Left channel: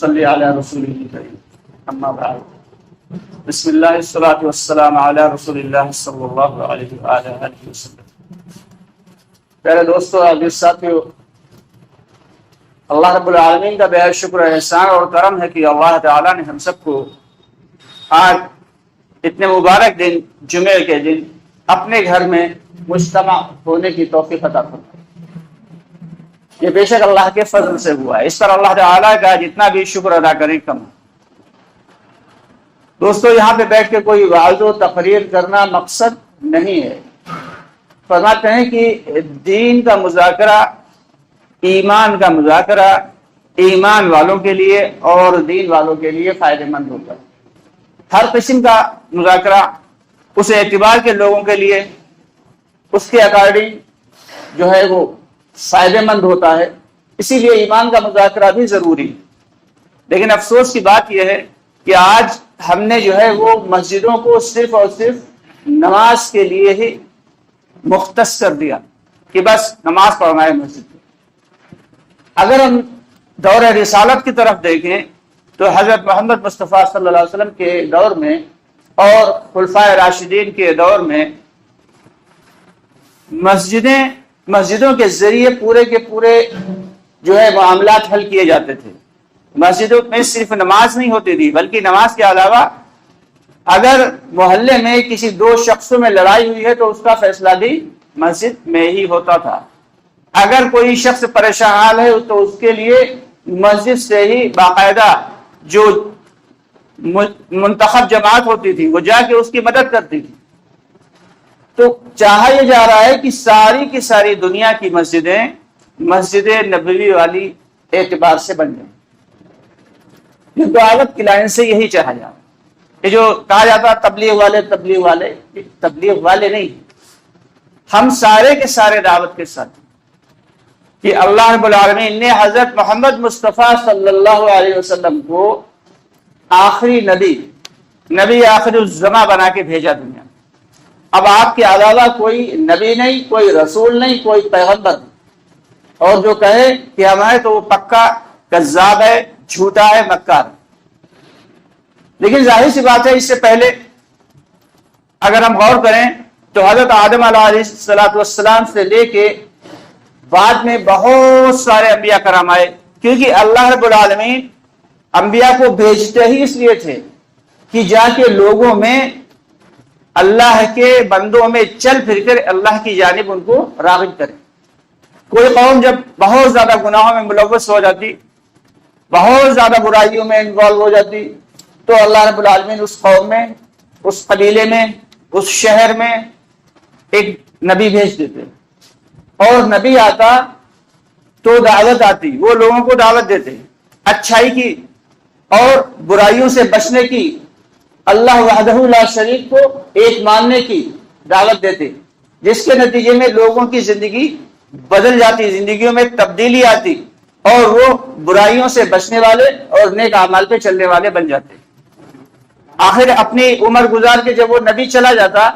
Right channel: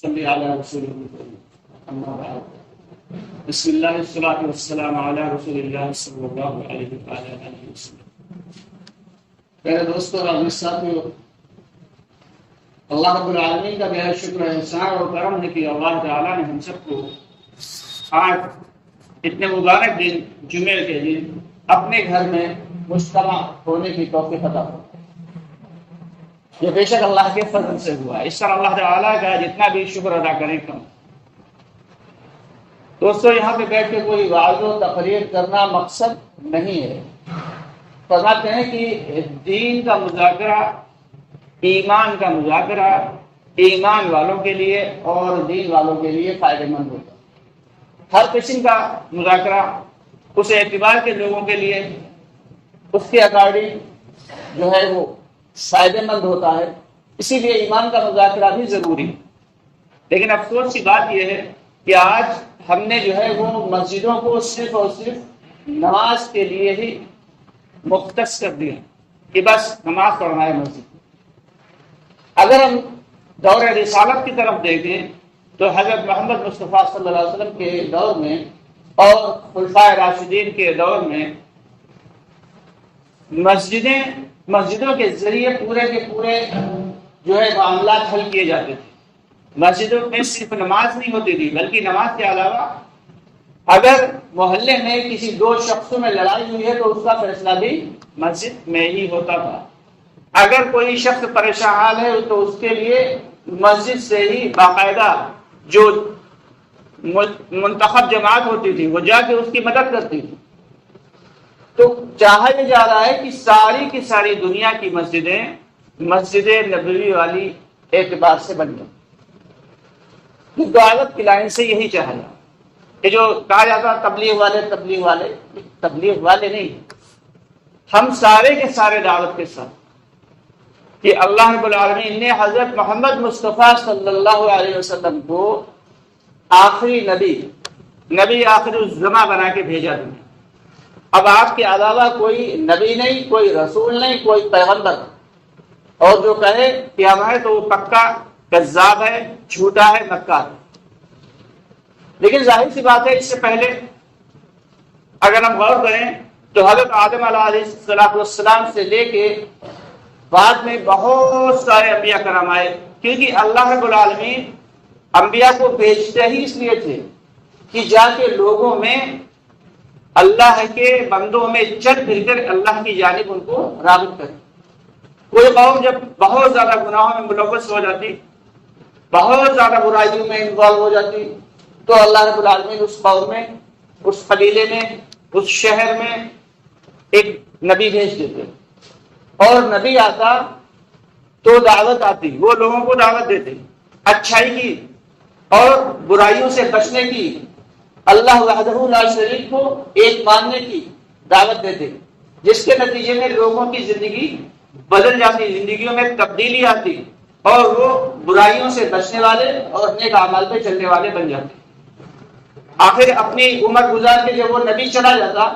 نصلي على رسوله الكريم اما بعد بسم الله والصلاة والسلام على رسول الله صلی اللہ علیہ وآلہ وسلم۔ پیارے دوستو، عزیز ساتھیو، اللہ رب العالمین کا بے حد شکر احسان اور کرم ہے کہ اللہ تعالیٰ نے ہم سب کو آج اتنے مبارک دن جمعے کے دن اپنے گھر میں مجتمع ہونے کی توفیق عطا فرمائی۔ یہ بے شک اللہ کے فضل سے ہوا ہے، اس پر اللہ تعالیٰ کا جتنا بھی شکر ادا کریں کم۔ دوستو، یہاں پہ بیٹھ کے کوئی وعظ و تقریر کرنا مقصد نہیں ہے۔ فرماتے ہیں کہ دین کا مذاکرہ، ایمان کا مذاکرہ ایمان والوں کے لیے اور دین والوں کے لیے فائدہ مند ہوتا ہے۔ ہر قسم کا مذاکرہ اس اعتبار کے لوگوں کے لیے اس کے اکارڈنگ جو ہے وہ فائدہ مند ہوتا ہے، اسی لیے ایمان کا مذاکرہ بھی ضروری ہے۔ لیکن افسوس کی بات یہ ہے کہ آج ہم نے جو ہے وہ مسجدوں کو صرف اور صرف نماز کے لیے ہی مختص کر دیا کہ بس نماز پڑھنا ہے مسجد میں۔ اگر ہم دور رسالت کی طرف دیکھیں تو حضرت محمد مصطفیٰ صلی اللہ علیہ وسلم کے دور میں اور خلفائے راشدین کے دور میں مسجدوں کے ذریعے پورے کے پورے جو ہے معاملات حل کیے جاتے تھے۔ مسجدوں میں صرف نماز نہیں ہوتی تھی، بلکہ نماز کے علاوہ اگر محلے میں کسی دو شخصوں میں لڑائی ہوئی ہے تو اس کا فیصلہ بھی مسجد میں ہی ہوتا تھا۔ اگر کوئی شخص پریشان حال ہے تو اس کے لیے مسجد سے ہی باقاعدہ جو منتخب جماعت ہوتی تھی وہ جا کے اس کی مدد کرتی تھی۔ تو چاہا یہ جا رہا ہے کہ ساری کی ساری دنیا کی مسجدیں مسجد نبوی والی اعتبار سے بن گئی۔ یہ دعوت کی لائن سے یہی چاہا جاتا ہے۔ یہ جو کہا جاتا تبلیغ والے نہیں، ہم سارے کے سارے دعوت کے ساتھ کہ اللہ رب العالمین نے حضرت محمد مصطفیٰ صلی اللہ علیہ وسلم کو آخری نبی آخر الزماں بنا کے بھیجا دنیا۔ اب آپ کے علاوہ کوئی نبی نہیں، کوئی رسول نہیں، کوئی پیغمبر، اور جو کہے کہ ہمارے تو وہ پکا کذاب ہے، جھوٹا ہے، مکار۔ لیکن ظاہر سی بات ہے، اس سے پہلے اگر ہم غور کریں تو حضرت آدم علیہ السلام سے لے کے بعد میں بہت سارے انبیاء کرام آئے، کیونکہ اللہ رب العالمین انبیاء کو بھیجتے ہی اس لیے تھے کہ جا کے لوگوں میں اللہ کے بندوں میں چل پھر کر اللہ کی جانب ان کو راغب کرے۔ کوئی قوم جب بہت زیادہ گناہوں میں ملوث ہو جاتی، بہت زیادہ برائیوں میں انوالو ہو جاتی، تو اللہ رب العالمین اس قوم میں، اس قبیلے میں، اس شہر میں ایک نبی بھیج دیتے، اور نبی آتا تو دعوت آتی، وہ لوگوں کو دعوت دیتے اچھائی کی اور برائیوں سے بچنے کی، اللہ وحدہ لا شریک کو ایک ماننے کی دعوت دیتے، جس کے نتیجے میں لوگوں کی زندگی بدل جاتی، زندگیوں میں تبدیلی آتی، اور وہ برائیوں سے بچنے والے اور نیک اعمال پہ چلنے والے بن جاتے۔ آخر اپنی عمر گزار کے جب وہ نبی چلا جاتا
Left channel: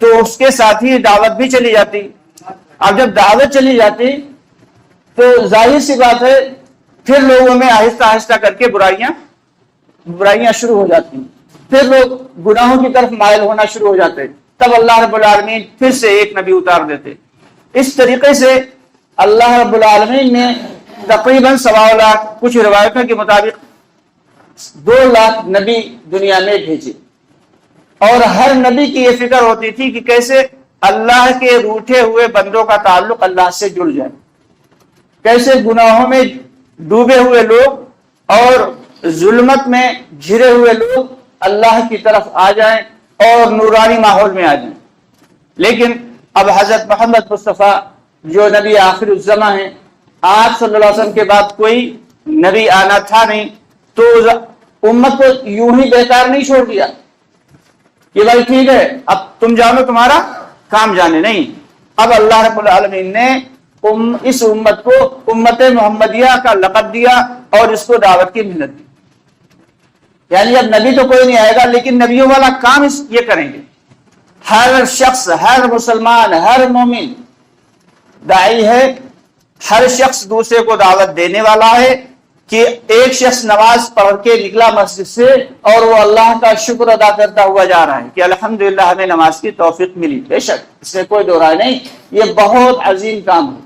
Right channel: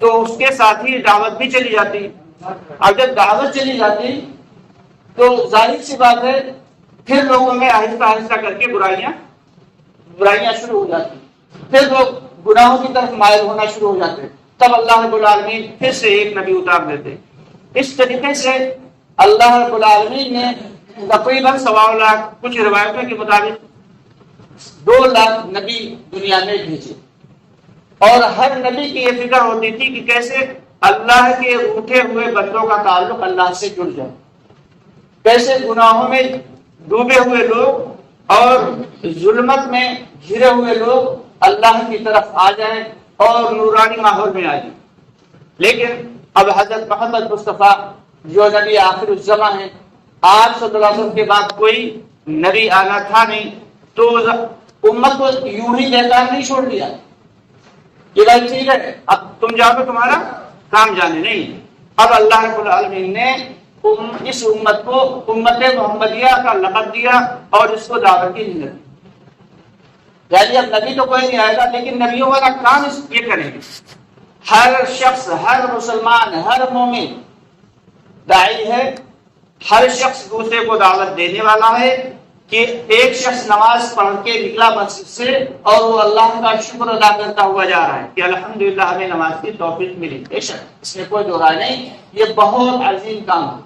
تو اس کے ساتھ ہی دعوت بھی چلی جاتی۔ اب جب دعوت چلی جاتی تو ظاہر سی بات ہے پھر لوگوں میں آہستہ آہستہ کر کے برائیاں شروع ہو جاتی، پھر لوگ گناہوں کی طرف مائل ہونا شروع ہو جاتے، تب اللہ رب العالمین پھر سے ایک نبی اتار دیتے۔ اس طریقے سے اللہ رب العالمین نے تقریباً 1.25 لاکھ، کچھ روایتوں کے مطابق 2 لاکھ نبی دنیا میں بھیجے، اور ہر نبی کی یہ فکر ہوتی تھی کہ کیسے اللہ کے روٹھے ہوئے بندوں کا تعلق اللہ سے جڑ جائے، کیسے گناہوں میں ڈوبے ہوئے لوگ اور ظلمت میں گھرے ہوئے لوگ اللہ کی طرف آ جائیں اور نورانی ماحول میں آ جائیں۔ لیکن اب حضرت محمد مصطفیٰ جو نبی آخر الزماں ہیں، آج صلی اللہ علیہ وسلم کے بعد کوئی نبی آنا تھا نہیں، تو امت کو یوں ہی بیکار نہیں چھوڑ دیا کہ بھائی ٹھیک ہے اب تم جانو، تمہارا کام جانے نہیں۔ اب اللہ رب العالمین نے اس امت کو امت محمدیہ کا لقب دیا اور اس کو دعوت کی محنت دی۔ یعنی اب نبی تو کوئی نہیں آئے گا، لیکن نبیوں والا کام یہ کریں گے۔ ہر شخص، ہر مسلمان، ہر مومن داعی ہے، ہر شخص دوسرے کو دعوت دینے والا ہے، کہ ایک شخص نماز پڑھ کے نکلا مسجد سے اور وہ اللہ کا شکر ادا کرتا ہوا جا رہا ہے کہ الحمدللہ ہمیں نماز کی توفیق ملی. بے شک اس میں کوئی دو رائے نہیں، یہ بہت عظیم کام ہے.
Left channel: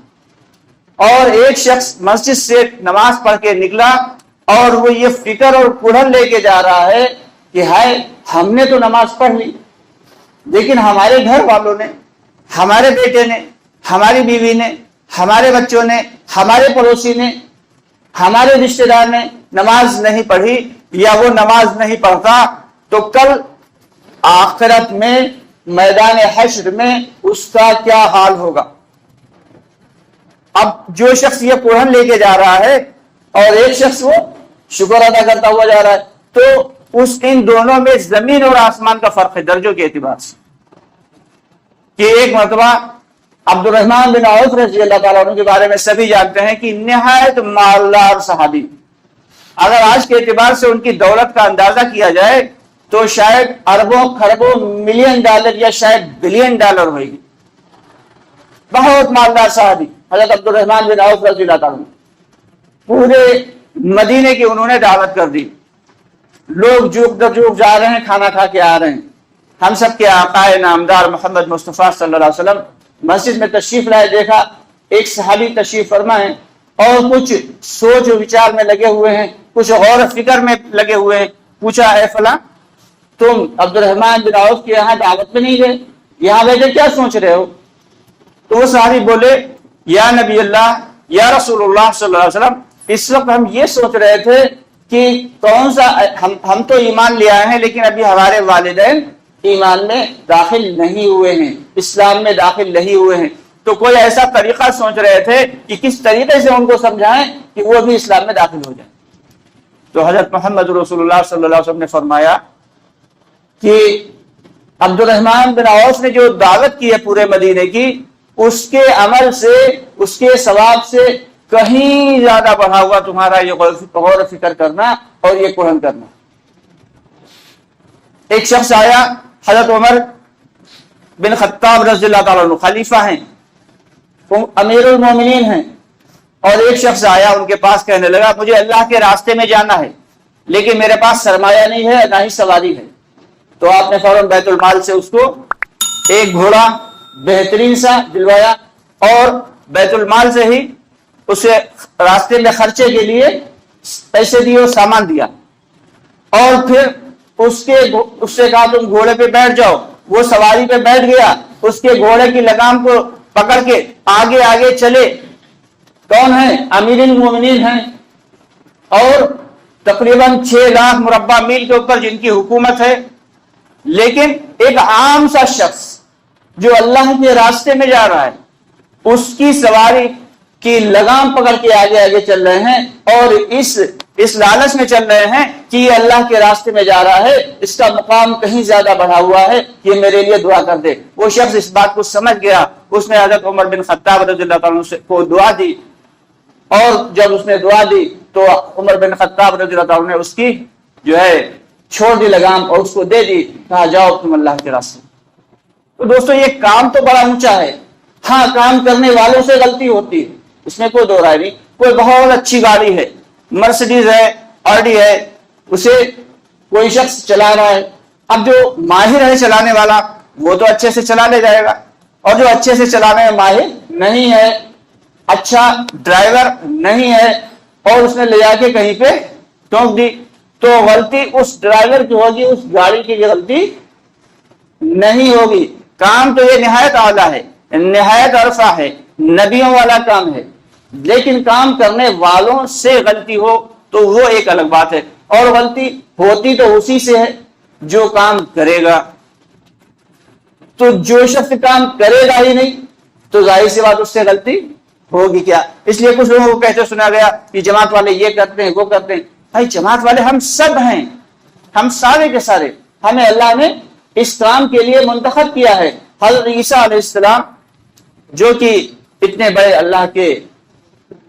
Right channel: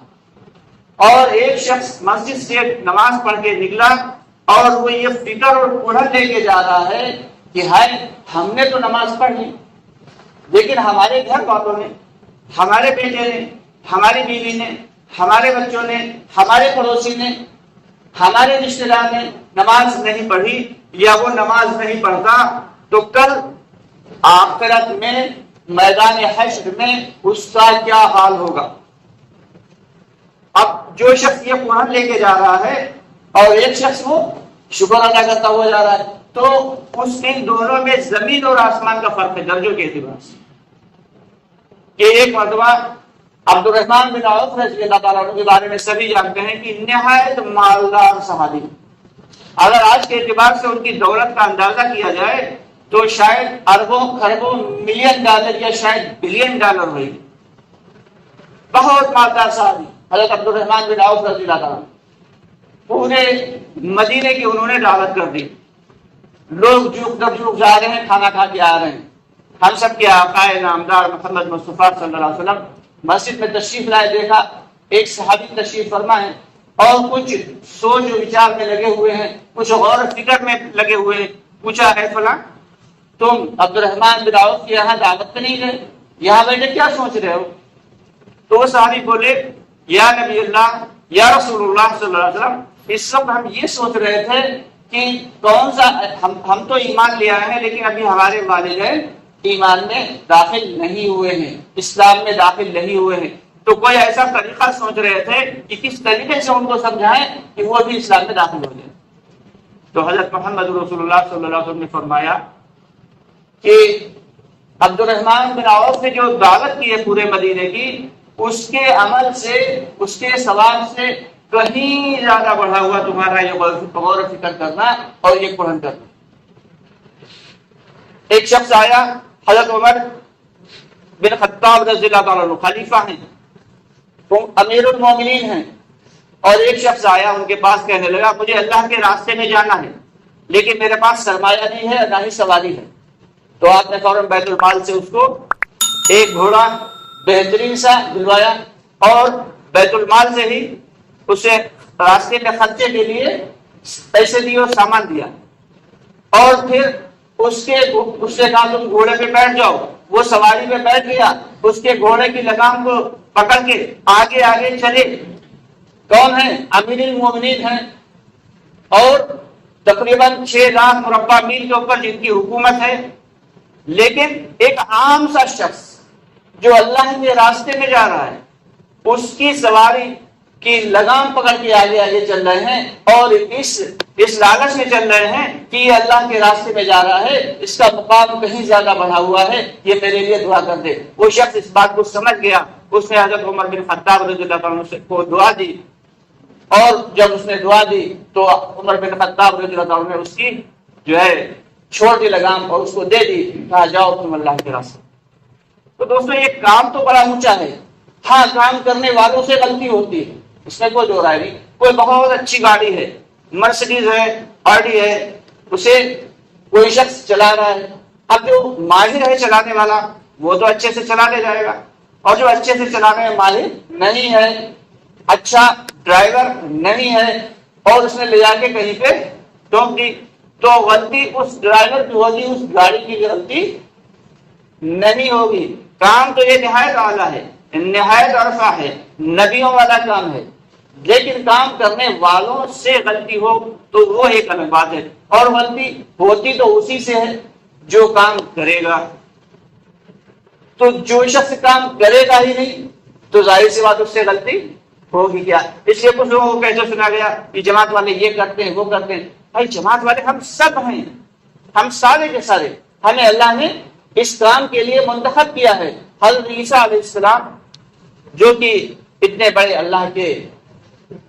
اور ایک شخص مسجد سے نماز پڑھ کے نکلا اور وہ یہ فکر اور کڑھن لے کے جا رہا ہے کہ ہائے ہم نے تو نماز پڑھ لی، لیکن ہمارے گھر والوں نے، ہمارے بیٹے نے، ہماری بیوی نے، ہمارے بچوں نے، ہمارے پڑوسی نے، ہمارے رشتہ دار نے نماز نہیں پڑھی یا وہ نماز نہیں پڑھتا، تو کل آخرت میں میدان حشر میں اس کا کیا حال ہوگا. اب جو شخص یہ قرآن لے کے جا رہا ہے اور ایک شخص وہ شکر ادا کرتا ہوا جا رہا ہے، تو ان دونوں میں زمین اور آسمان کا فرق ہے درجوں کے اعتبار سے. کہ ایک مرتبہ عبد الرحمن بن عوف رضی اللہ تعالیٰ عنہ کے بارے میں سبھی جانتے ہیں کہ نہایت مالدار صحابی. اگر آج کے اعتبار سے ان کی دولت کا اندازہ کیا جائے تو شاید اربوں خربوں ملین ڈالر یا شاید بلین ڈالر ہوئی. بہت مالدار صحابی حضرت عبد الرحمن بن عوف رضی اللہ تعالیٰ. پورے مدینے کی انہوں نے دعوت کر دی، لوگ جوک در جوک جا رہے ہیں، کھانا کھا کے آ رہے ہیں. ہم سب کے آقا نامدار محمد مصطفیٰ صلی اللہ علیہ وسلم مسجد میں تشریف لائے، دیکھا ایک صحابی تشریف فرما ہے اور کچھ سوچ و وچار میں لگے ہوئے ہیں، کچھ غور و فکر میں لگے ہوئے ہیں. پوچھا اے فلاں تم عبد الرحمن بن عوف کے یہاں دعوت میں نہیں گئے، یہاں بیٹھے کیا سوچ رہے ہو؟ تو وہ صحابی بولے یا نبی اللہ یا رسول اللہ صلی اللہ علیہ وسلم، اس وقت ہم یہ سوچ رہے تھے کہ کون سا ہم تو ایمان لے آئے ہیں لیکن ابھی ہمارے والدین ایمان میں داخل نہیں ہوئے ہیں، اسلام میں داخل نہیں ہوئے ہیں، تو کوئی ایسا طریقہ سوچ رہے تھے کہ کس طریقے سے ان کو سمجھائیں کہ وہ بھی اسلام میں داخل ہو جائیں. تو حضرت محمد رسول اللہ صلی اللہ علیہ وسلم نے فرمایا کہ عبد الرحمن بن عوف نے جو دعوت کی ہے پورے مدینے کی، اس کے عمل سے، اس کے ثواب سے کہیں زیادہ بڑھا ہوا تمہارا یہ غور و فکر کرنا اور یہ قرآن کرنا. ایک شخص آیا، حضرت عمر بن خطاب رضی اللہ تعالیٰ عنہ خلیفہ ہیں، امیر المومنین ہیں، اور ایک شخص آیا ان کے پاس کہنے لگا مجھے اللہ کے راستے میں جانا ہے لیکن میرے پاس سرمایہ نہیں ہے نہ ہی سواری ہے. تو آپ نے فوراً بیت المال سے اس کو ایک گھوڑا بہترین سا دلوایا اور بیت المال سے ہی اسے راستے میں خرچے کے لیے پیسے دیے اور سامان دیا، اور پھر اس سے کہا تم گھوڑے پہ بیٹھ جاؤ. وہ سواری پہ بیٹھ گیا، اس کے گھوڑے کی لگام کو پکڑ کے آگے آگے چلے. کون ہیں؟ امیر المومنین ہیں، اور تقریباً 6 لاکھ مربع میل کے اوپر جن کی حکومت ہے. لیکن ایک عام سا شخص جو اللہ کے راستے میں جا رہا ہے، اس کی سواری کی لگام پکڑ کے آگے آگے چل رہے ہیں اور اس لالچ میں چل رہے ہیں کہ یہ اللہ کے راستے میں جا رہا ہے، اس کا مقام کہیں زیادہ بڑھا ہوا ہے، یہ میرے لیے دعا کر دے. وہ شخص اس بات کو سمجھ گیا، اس نے حضرت عمر بن خطاب رضی اللہ تعالیٰ عنہ کو دعا دی، اور جب اس نے دعا دی تو عمر بن خطاب رضی اللہ تعالیٰ عنہ نے اس کی جو ہے چھوڑ دی لگام اور اس کو دے دی، کہا جاؤ تم اللہ کے راستے. تو دوستو یہ کام تو بڑا اونچا ہے. ہاں کام کرنے والوں سے غلطی ہوتی ہے، اس میں کوئی دو رائے نہیں. کوئی بہت اچھی گاڑی ہے، مرسیڈیز ہے، آڈی ہے، اسے کوئی شخص چلا رہا ہے. اب جو ماہر ہے چلانے والا وہ تو اچھے سے چلا لے جائے گا، اور جو اچھے سے چلانے میں ماہر نہیں ہے، اچھا ڈرائیور نہیں ہے، اور اس نے لے جا کے کہیں پہ ٹھونک دی، تو غلطی اس ڈرائیور کی ہوگی، اس گاڑی کی غلطی نہیں ہوگی. کام تو یہ نہایت اعلیٰ ہے، نہایت عرفہ ہے، نبیوں والا کام ہے. لیکن کام کرنے والوں سے غلطی ہو تو وہ ایک الگ بات ہے، اور غلطی ہوتی تو اسی سے ہے جو کام کرے گا. تو جو شخص کام کرے گا ہی نہیں تو ظاہر سی بات اس سے غلطی ہوگی کیا. اس لیے کچھ لوگوں کو کہتے سنا گیا کہ جماعت والے یہ کرتے ہیں وہ کرتے ہیں. بھائی جماعت والے ہم سب ہیں، ہم سارے کے سارے، ہمیں اللہ نے اس کام کے لیے منتخب کیا ہے. حضرت عیسیٰ علیہ السلام جو کہ اتنے بڑے اللہ کے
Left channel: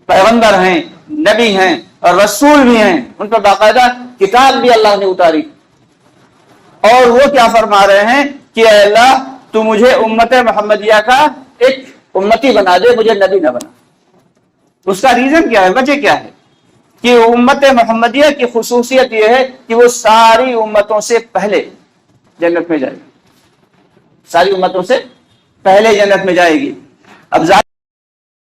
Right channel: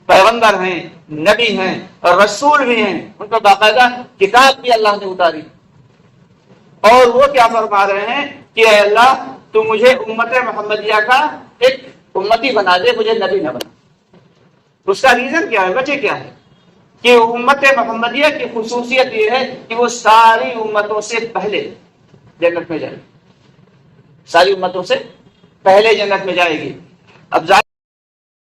پیغمبر ہیں، نبی ہیں اور رسول بھی ہیں، ان پر باقاعدہ کتاب بھی اللہ نے اتاری، اور وہ کیا فرما رہے ہیں کہ اے اللہ تو مجھے امت محمدیہ کا ایک امتی بنا دے، مجھے نبی نہ بنا. اس کا ریزن کیا ہے، وجہ کیا ہے؟ کہ امت محمدیہ کی خصوصیت یہ ہے کہ وہ ساری امتوں سے پہلے جنت میں جائے گی، ساری امتوں سے پہلے جنت میں جائے گی۔ اب